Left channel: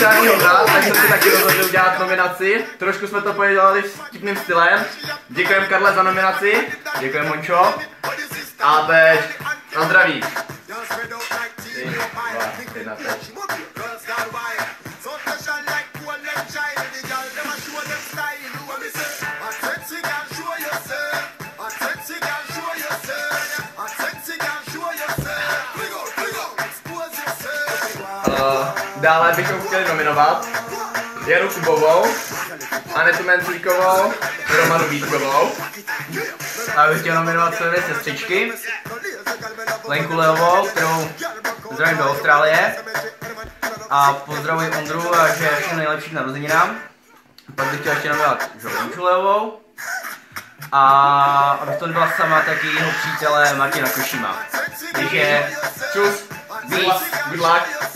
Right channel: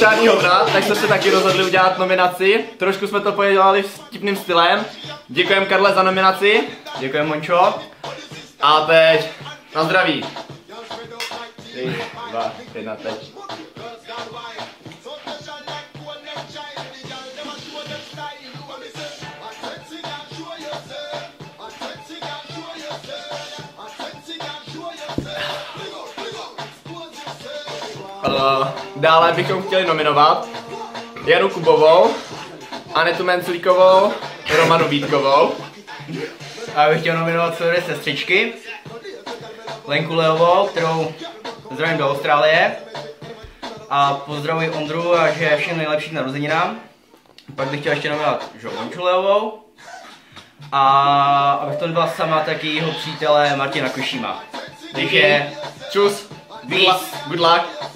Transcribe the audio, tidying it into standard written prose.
Žádný hovna, tak jsme si taky rozhodli udělat nominaci. Trošku jsme to podělali vtipným stylem. Děkujeme Karle za nominaci. Děkujeme Mončo. A teď na zdraví. 3, 2, 1, teď. Dále bychom chtěli nominovat Janu Kubovou, Anetu Menclíkovou, Romanu Vítkovou. A já bych chtěl nominovat své dvě sestřičky, Lenku Leovou, kterou zdravím do Austrálie. A pozdravuji Ondru a že všechno nejlepší k narozeninám. Pak bych chtěl ještě nominovat Žolonču Leovou. A abych to nebyla sama, tak i jeho přítele Martina Košíma. Takže čus, peace, good luck.